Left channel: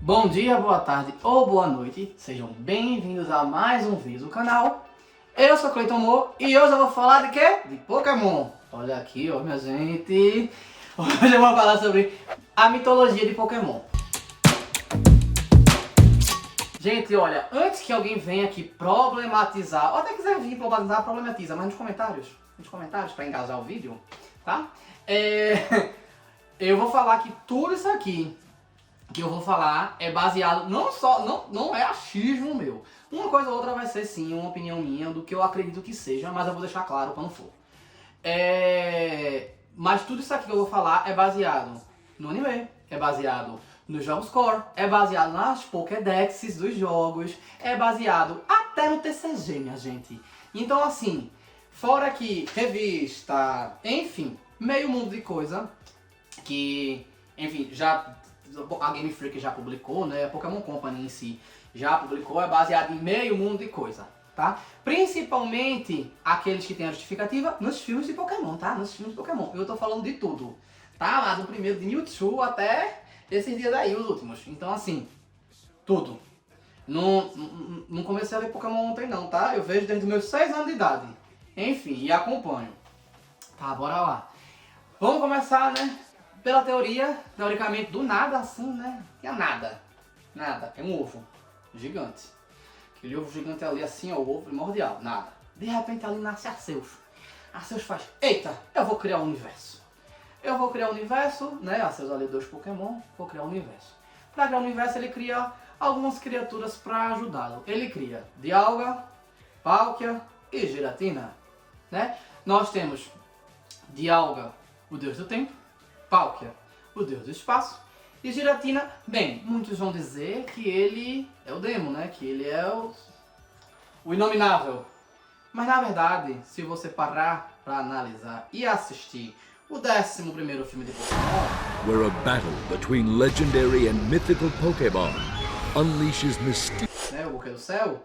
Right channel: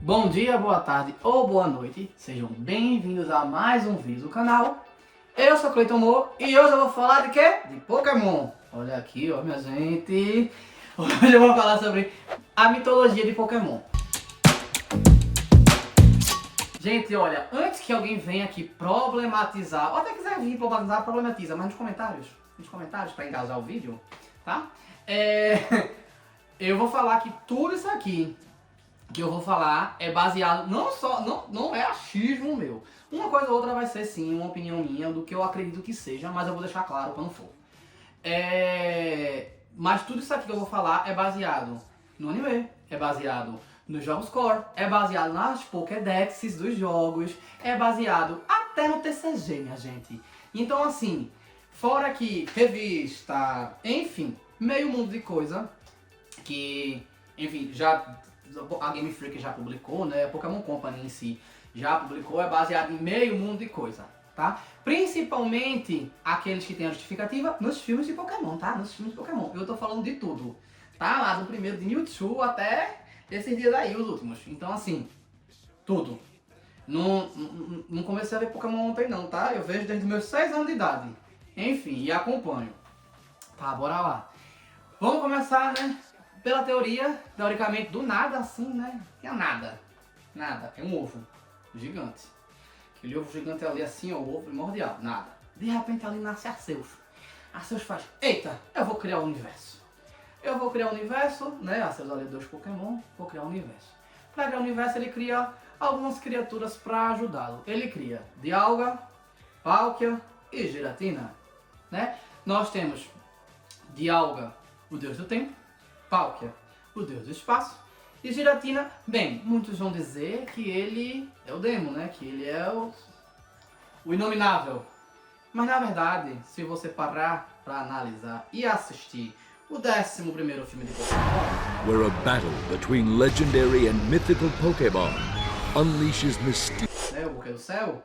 Bom dia, boa tarde ou boa noite, sejam bem-vindos a mais um vídeo do canal. Eu sou Cleiton Moore e hoje eu vou falar de quê? De Pokémon. Olha aqui, ó, minha gente. Hoje eu vou falar sobre a mitologia de Pokémon. Gente, olha, antes que alguém venha aqui problematizar, ou até quiser vir problematizar, problematiza, mas nos comentários para engajar o vídeo, tá? Eu vou falar que tudo isso aqui que eu vou falar é baseado não é achismo meu. Uma coisa ou outra vai ser sim uma opinião minha do que eu acredito que seja, mas eu vou deixar claro quando for. Mas tudo isso aqui que eu vou falar é baseado no anime, é baseado nos jogos core, é baseado nas Pokédexes dos jogos, é baseado até no TCG, minha gente. Então assim, fora que revista, enfim, meio mundo de coisa que, enfim, a Game Freak já publicou, né? A Pokémon Company em si já publicou, é baseado em meio mundo de coisa, tá? Principalmente aqueles que têm a justificativa nos filmes de Pokémon, tá? Nos filmes de Pokémon. Eu tô falando de tudo, tá? Lá do primeiro de Mewtwo até esses dias aí, os últimos. Então, assim, tudo. Não comecei a ver Pokémon ontem não, tá? Eu vejo desde os meus 6 anos de idade. Enfim, e acompanho. Tá, bora lá. Vamos começar, né? Pela teoria, teoricamente, do nada assim, né? Tinha nada. Nada. É um ovo gigante. Aquele ovo gigante ali assim, ó, o ovo primordial. Nada. De repente ali nasce Arceus. Arceus faz, eita, eu vou criar o universo. Eu vou criar o universo, né? Arceus ali 2 Pokémon, vou criar o universo. Para criar o universo, ele cria algumas criaturas para ajudá-lo. Ele cria Dialga, Palkia e Giratina, né? Nós temos Dialga, o deus do tempo. Palkia, o deus do espaço, e Giratina, bem, muitos vão dizer que ele é o Demo, né? Que ele é o inominável. Mas na verdade, se você parar para analisar e assistir o 11º filme de Pokémon, where a battle between legendary and mythical Pokémon unleashes mysterious, né, o Buquê do Céu,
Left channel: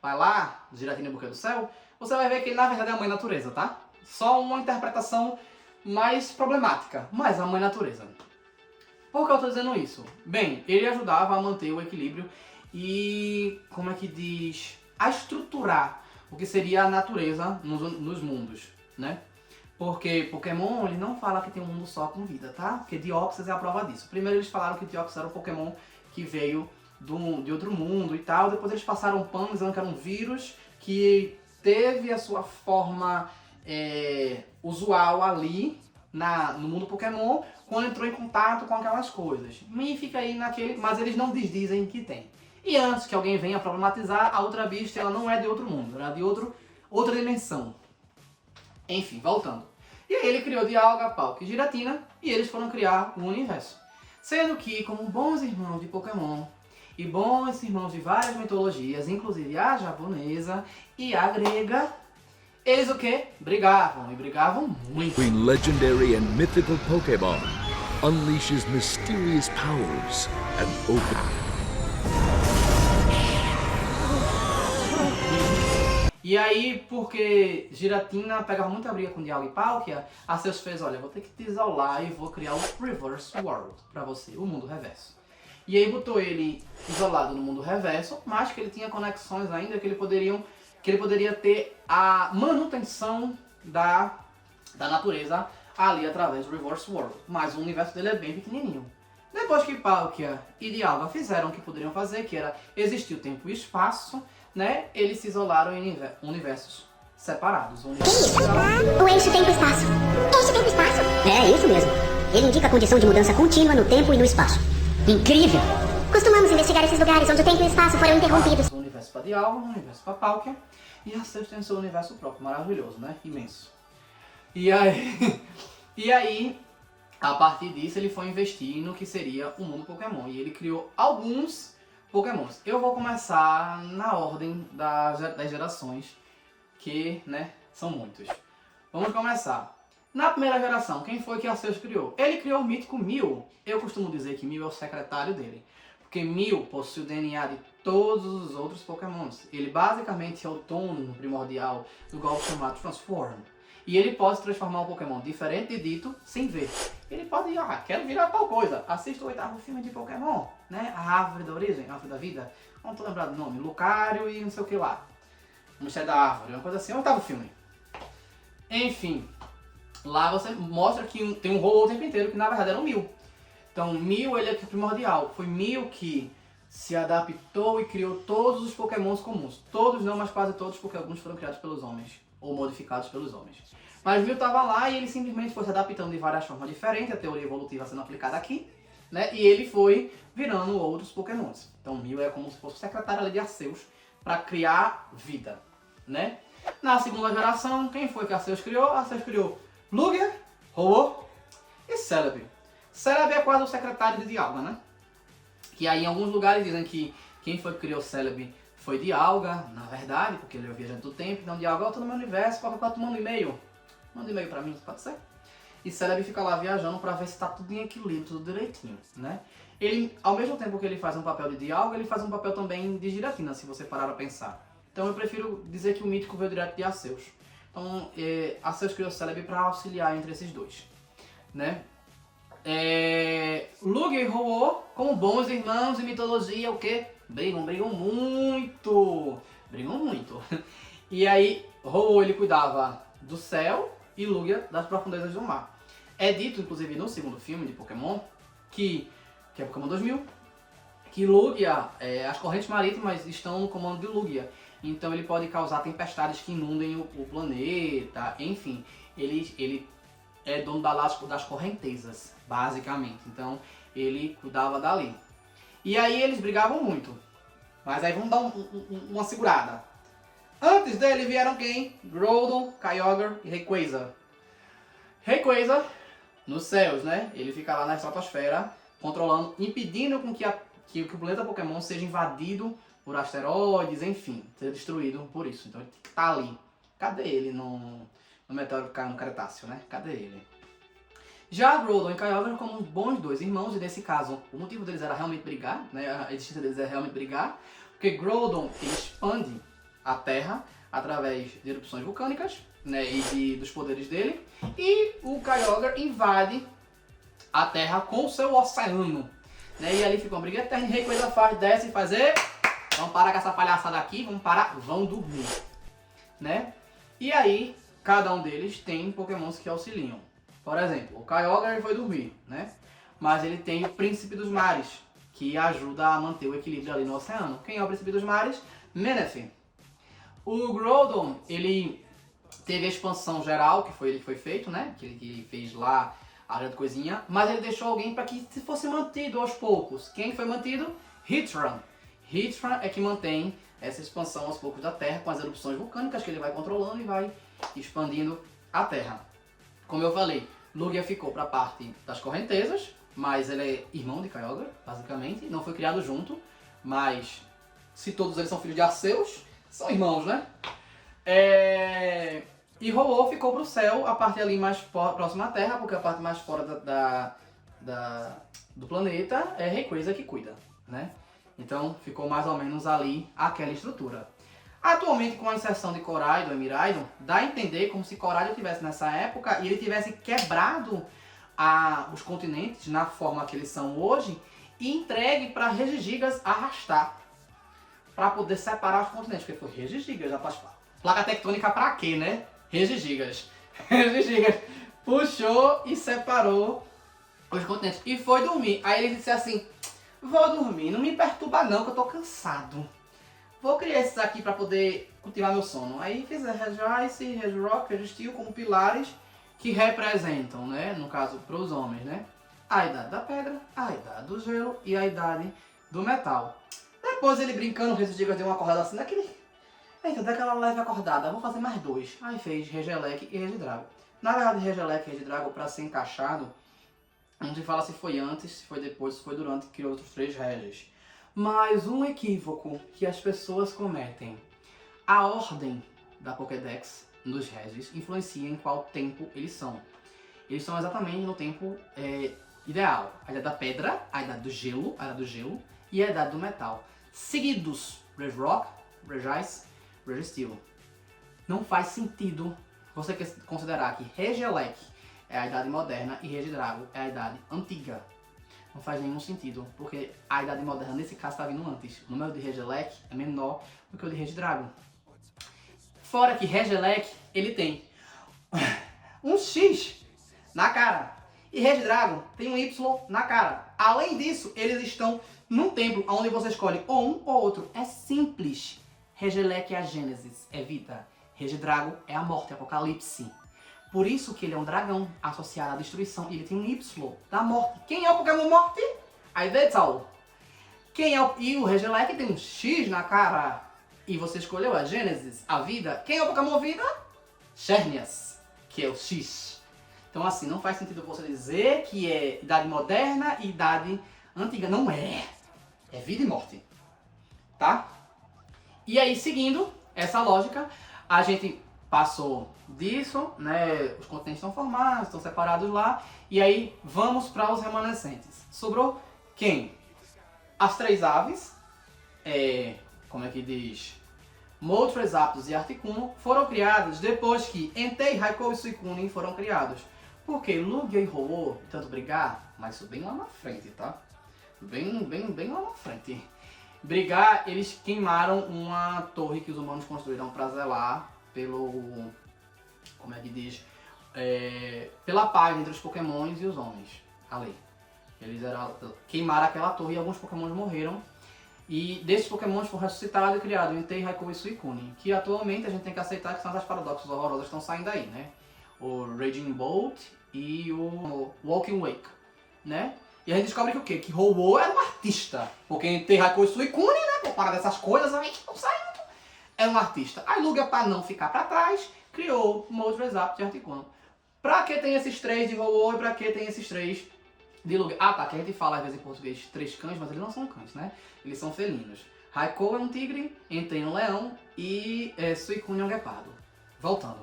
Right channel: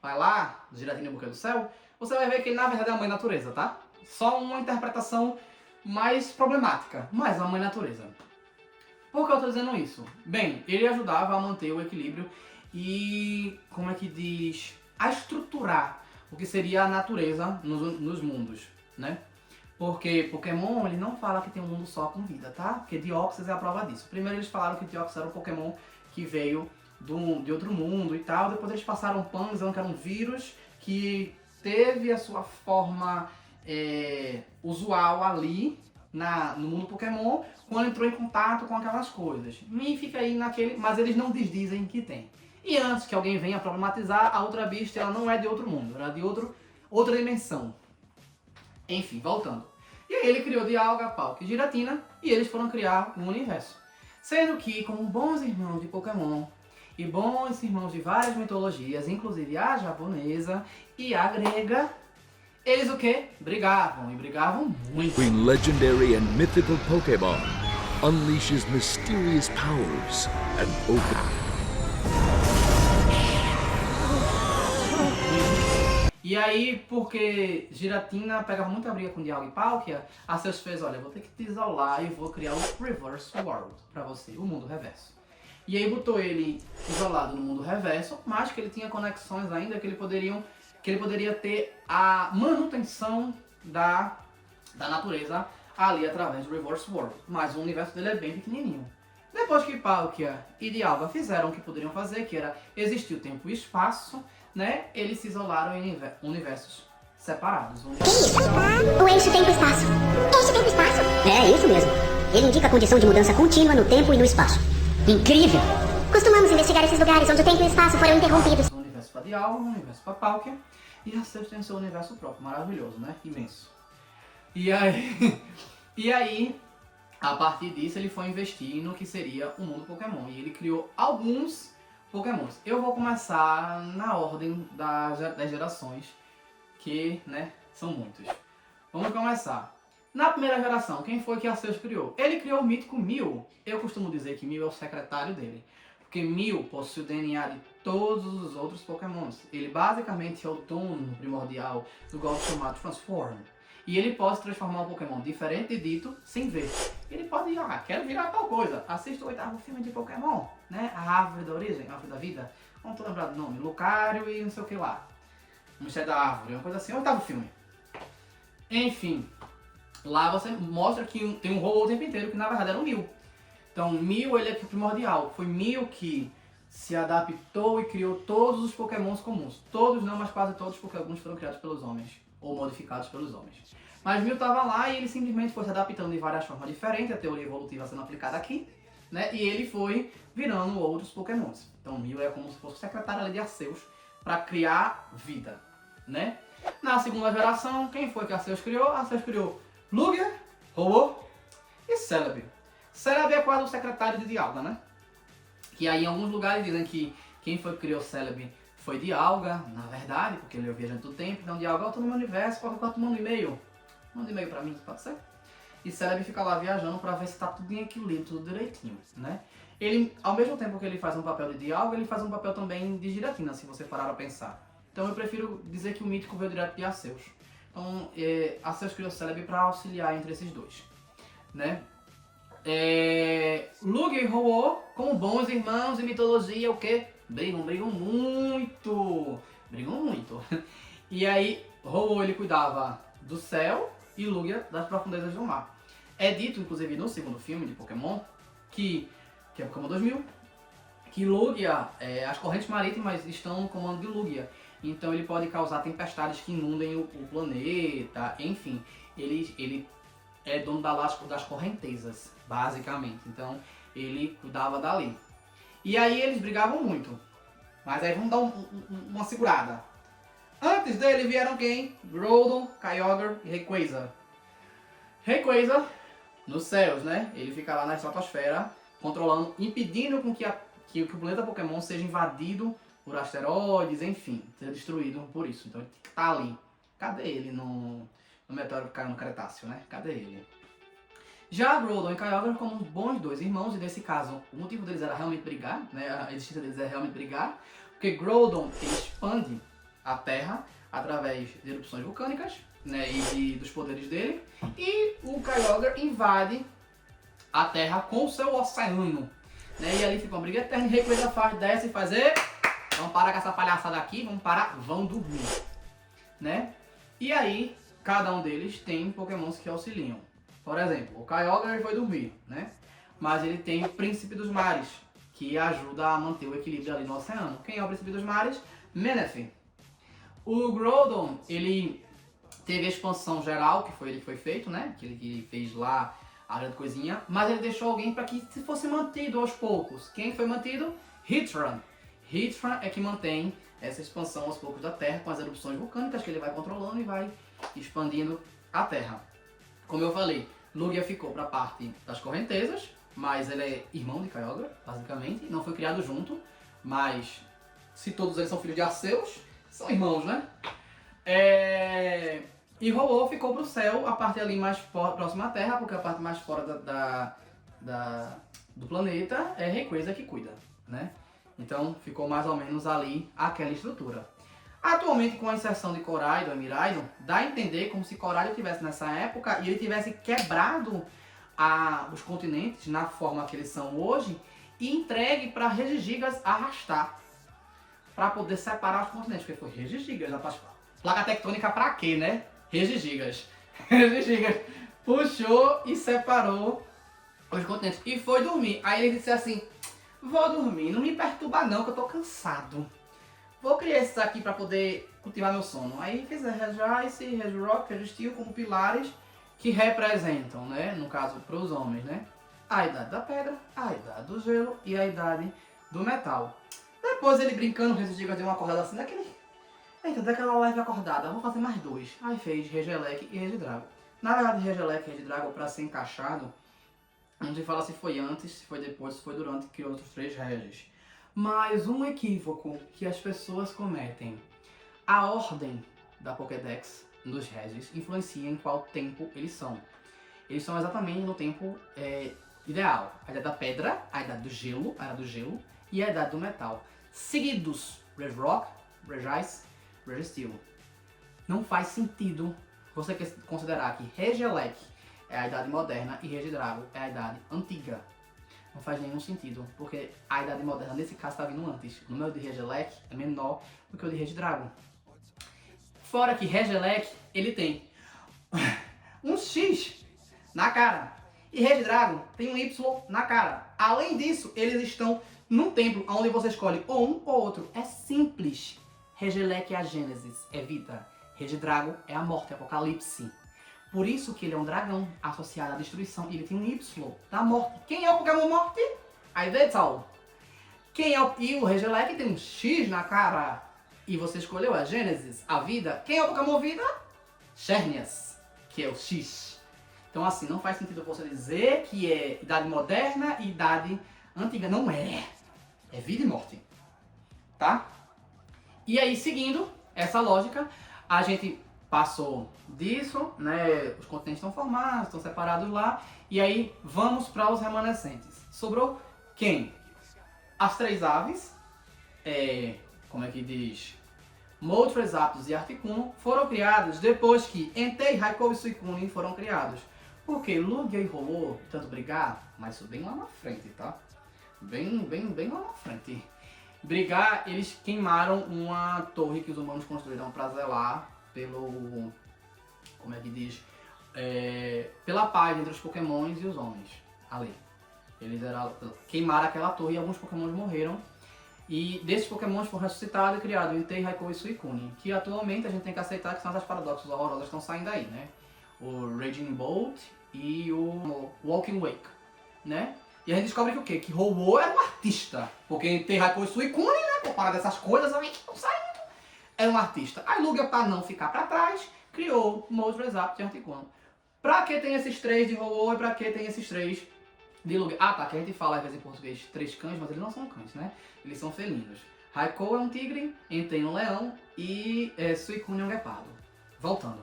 vai lá, Giratina e o Buquê do Céu, você vai ver que ele na verdade é a Mãe Natureza, tá? Só uma interpretação mais problemática, mas a Mãe Natureza. Por que eu tô dizendo isso? Bem, ele ajudava a manter o equilíbrio e, como é que diz, a estruturar o que seria a natureza nos mundos, né? Porque Pokémon, ele não fala que tem um mundo só com vida, tá? Porque Deoxys é a prova disso. Primeiro eles falaram que Deoxys era um Pokémon que veio de outro mundo e tal, depois eles passaram um pano dizendo que era um vírus que teve a sua forma usual ali no mundo Pokémon quando entrou em contato com aquelas coisas. E fica aí naquele, mas eles não dizem que tem. E antes que alguém venha problematizar, a Ultra Beast ela não é de outro mundo, ela é de outra dimensão. Enfim, voltando. E aí ele criou Dialga, Palkia e Giratina e eles foram criar um universo. Sendo que, como bons irmãos de Pokémon e bons irmãos de várias mitologias, inclusive a japonesa e a grega, eles o quê? Brigavam, e brigavam muito. between legendary and mythical Pokémon unleashes mysterious powers and opens. E aí, porque Giratina pegava muita briga com Dialga e Palkia, Arceus fez, olha, vou ter que te isolar e vou criar um Reverse World pra você, o mundo reverso. E aí botou ele isolado no mundo reverso, mas que ele tinha conexões ainda que ele poderia ter a manutenção da natureza ali através do Reverse World. Mas o universo dele é bem pequenininho. Depois que Palkia e Dialga fizeram o que poderiam fazer, que era existir o tempo e o espaço, né? Eles se isolaram em universos separados. Que isso? O eixo tempo-espaço. Eixo tempo-espaço? É, isso mesmo. Ele indica a condição de mudança contínua no tempo e no espaço. Incrível! Costumamos investigar esses lugares onde o tempo e o espaço foram interrompidos. Um universo para Dialga, um universo para Palkia, e Arceus tem seu universo próprio, maravilhoso, né? Imenso. E aí, a partir disso, ele foi investir no que seria o mundo Pokémon. E ele criou alguns Pokémons. Eu vou começar na ordem das gerações, que, né, são muitos. Vamos começar. Na primeira geração, quem foi que Arceus criou? Ele criou o mítico Mew. Eu costumo dizer que Mew é o secretário dele. Porque Mew possui o DNA de todos os outros Pokémons. Ele basicamente é o dono primordial do golpe chamado Transform. E ele pode transformar um Pokémon diferente de Ditto sem ver. ele pode ir, quero virar tal coisa. Assista o 8º filme de Pokémon, né? A árvore da origem, a árvore da vida. Não tô lembrado do nome, Lucario e não sei o que lá. O mistério da árvore, uma coisa assim, o 8º filme. Enfim, lá você mostra que tem um Ho-Oh o tempo inteiro, que na verdade era um Mew. Então, Mew, ele é primordial. Foi Mew que se adaptou e criou todos os Pokémons comuns. Todos não, mas quase todos, porque alguns foram criados pelos homens, ou modificados pelos homens. Mas Mew estava lá e ele simplesmente foi se adaptando de várias formas diferentes, a teoria evolutiva sendo aplicada aqui, né? E ele foi virando outros Pokémons. Então, Mew é como se fosse o secretário ali de Arceus para criar vida, né? Na segunda geração, quem foi que Arceus criou? Arceus criou Lugia, Ho-Oh e Celebi. Celebi é quase o secretário de Dialga, né? Que aí em alguns lugares dizem que quem foi que criou Celebi foi Dialga, na verdade, porque ele é o viajante do tempo. Então Dialga, eu tô no meu universo, qualquer coisa tu manda um e-mail. Manda um e-mail pra mim, pode ser? E Celebi fica lá viajando pra ver se tá tudo em equilíbrio, tudo direitinho, né? Ele, ao mesmo tempo que ele faz um papel de Dialga, ele faz um papel também de Giratina, se você parar a pensar. Então eu prefiro dizer que o mítico veio direto de Arceus. Então Arceus criou Celebi pra auxiliar entre esses dois, né? Lugia e Ho-Oh, como bons irmãos em mitologia, o que? Brigam muito. E aí, Ho-Oh ele cuidava do céu e Lugia das profundezas do mar. É dito, inclusive, no segundo filme de Pokémon, que é Pokémon 2000, que Lugia, as correntes marítimas estão no comando de Lugia. Então ele pode causar tempestades que inundem o planeta, enfim. Ele é dono das correntezas, basicamente. Então, ele cuidava dali. E aí eles brigavam muito. Mas aí vamos dar uma segurada. Antes dele vieram quem? Groudon, Kyogre e Rayquaza. Rayquaza, nos céus, né? Ele fica lá na estratosfera, controlando, impedindo com que o planeta Pokémon seja invadido por asteroides, enfim, seja destruído por isso. Então ele tá ali. Cadê ele no meteoro que caiu no Cretáceo, né? Cadê ele? Já Groudon e Kyogre como bons dois irmãos, e nesse caso, o motivo deles era realmente brigar, né? A existência deles é realmente brigar, porque Groudon ele expande a Terra através de erupções vulcânicas, né? E dos poderes dele, e o Kyogre invade a Terra com o seu oceano, né? E ali fica uma briga eterna, e Rayquaza desce e faz, vamos parar com essa palhaçada aqui, vão dormir, né? E aí, cada um deles tem Pokémons que auxiliam. Por exemplo, o Kyogre foi dormir, né? Mas ele tem o Príncipe dos Mares, que ajuda a manter o equilíbrio ali no oceano. Quem é o Príncipe dos Mares? Menethim. O Groudon, ele teve a expansão geral, que foi ele que foi feito, né? Que ele fez lá a grande coisinha. Mas ele deixou alguém para que fosse mantido aos poucos. Quem foi mantido? Heatran. Heatran é que mantém essa expansão aos poucos da Terra com as erupções vulcânicas que ele vai controlando e vai expandindo a Terra. Como eu falei, Lugia ficou para a parte das correntezas, mas ele é irmão de Kyogre, basicamente. Não foi criado junto, mas se todos eles são filhos de Arceus, são irmãos, né? E Ho-Oh ficou pro céu, a parte ali mais próxima à Terra, porque a parte mais fora do planeta é Rayquaza que cuida, né? Então ficou mais ou menos ali aquela estrutura. Atualmente, com a inserção de Koraidon e Miraidon, dá a entender como se Koraidon estivesse nessa época e ele tivesse quebrado os continentes na forma que eles são hoje e entregue para Regigigas arrastar para poder separar os continentes, porque foi Regigigas na placa tectônica para quê, né? Regigigas. Regigigas puxou e separou os continentes e foi dormir. Aí ele disse assim: vou dormir, não me perturba não que eu tô cansado. Vou criar esses aqui para poder cultivar meu sono. Aí fiz a Regice, Regirock, Registeel como pilares que representam, né, no caso para os homens, né, a idade da pedra, a idade do gelo e a idade do metal. Depois ele brincando, o Regigigas deu uma acordada assim daquele... Eita, daquela leve acordada, vou fazer mais dois. Aí fez Regieleki e Regidrago. Na verdade, Regieleki e Regidrago, para ser encaixado, não se fala se foi antes, se foi depois, se foi durante que outros três Regis. Mas um equívoco que as pessoas cometem: a ordem da Pokédex dos Regis influencia em qual tempo eles são. Eles são exatamente no tempo ideal. A idade da pedra, a idade do gelo, a idade do gelo e a idade do metal. Seguidos, Regirock, Regice, Registeel. Não faz sentido você considerar que Regieleki é a idade moderna e Regidrago é a idade antiga. Não faz nenhum sentido, porque a idade moderna nesse caso está vindo antes. O número de Regieleki é menor do que o de Regidrago. Fora que Regieleki, ele tem um X na cara. E Regidrago tem um Y na cara. Além disso, eles estão num templo onde você escolhe ou um ou outro. É simples. Regieleki é a Gênesis, é vida. Regidrago é a morte, Apocalipse. Por isso que ele é um dragão associado à destruição. E ele tem um Y da morte. Quem é o Pokémon Morte? Iveltal. E o Regieleki tem um X na cara. E você escolheu a Gênesis, a vida. Quem é o Pokémon Vida? Xerneas, que é o X. Então assim, não faz sentido você dizer que é idade moderna e idade antiga. Não é. É vida e morte. Tá? E aí, seguindo essa lógica, a gente passou disso, né? Os continentes estão formados, estão separados lá. E aí, vamos para os remanescentes. Sobrou quem? As 3 aves, como é que diz? Moltres, Zapdos e Articuno foram criados depois que Entei, Raikou e Suicune foram criados. Porque Lugia e Ho-Oh tanto brigar, mas isso bem lá na frente, tá? Bem lá na frente. Brigar, eles queimaram uma torre que os humanos construíram para zelar pelo... Como é que diz? Pela paz entre os pokémons e os homens. Ali. Eles queimaram aquela torre e alguns pokémons morreram. E desses pokémons foram ressuscitados e criados Entei, Raikou e Suicune. Que atualmente a gente tem que aceitar que são essas paradoxos horrorosas que estão saindo aí, né? O Raging Bolt e o Walking Wake, né? E a gente descobre que o quê? Que Ho-Oh era um artista. Porque Entei, Raikou e Suicune, né? Por parar dessas coisas aí que não saem. Era um artista. Aí Lugia, pra não ficar pra trás, criou Moltres, Zapdos e Articuno. Pra que tem esses 3 de Ho-Oh e pra que tem esses 3 de Lugia? Ah, tá, que a gente fala às vezes em português 3 cães, mas eles não são cães, né? Eles são felinos. Raikou é um tigre, Entei um leão e Suicune é um guepardo. Voltando.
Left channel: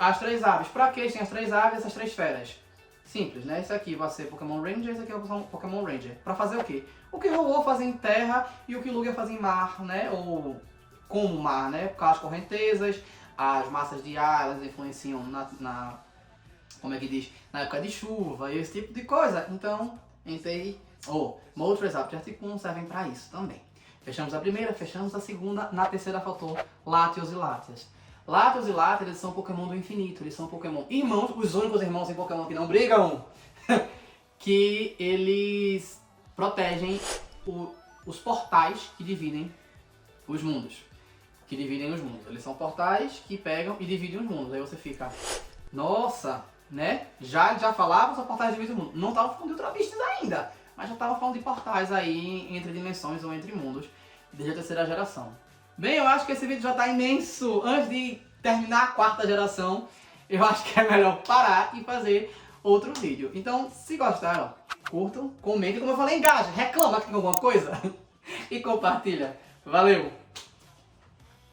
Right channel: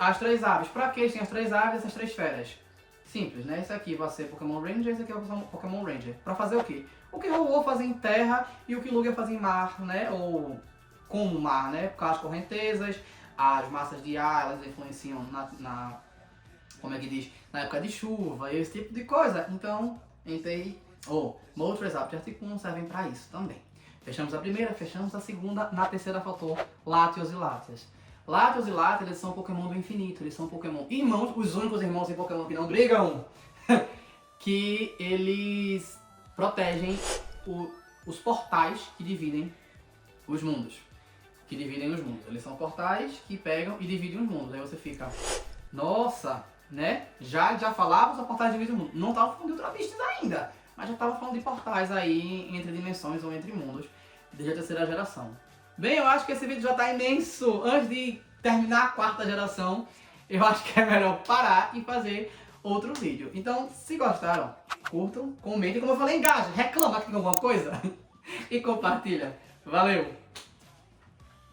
As 3 aves. Pra que tem as 3 aves e essas 3 feras? Simples, né? Esse aqui vai ser Pokémon Ranger, esse aqui é o Pokémon Ranger. Pra fazer o quê? O que Ho-Oh fazia em terra e o que Lugia fazia em mar, né? Ou como mar, né? Por causa das correntezas, as massas de ar, elas influenciam como é que diz? Na época de chuva, esse tipo de coisa. Então, Moltres, Zapdos e Articuno servem pra isso também. Fechamos a primeira, fechamos a segunda. Na terceira faltou Latios e Latias. Latios e Latias, eles são Pokémon do infinito. Eles são Pokémon irmãos, os únicos irmãos em Pokémon que não brigam. Que eles protegem os portais que dividem os mundos. Eles são portais que pegam e dividem os mundos. Aí você fica, nossa, né? Já falava os portais dividem o mundo. Não tava falando de Ultra Beasts ainda, mas já tava falando de portais aí entre dimensões ou entre mundos desde a terceira geração. Bem, eu acho que esse vídeo já tá imenso. Antes de terminar a 4ª geração, eu acho que é melhor parar e fazer outro vídeo. Então, se gostaram, curtam, comentem, como eu falei, engajem, reclama que tem alguma coisa e compartilha. Valeu!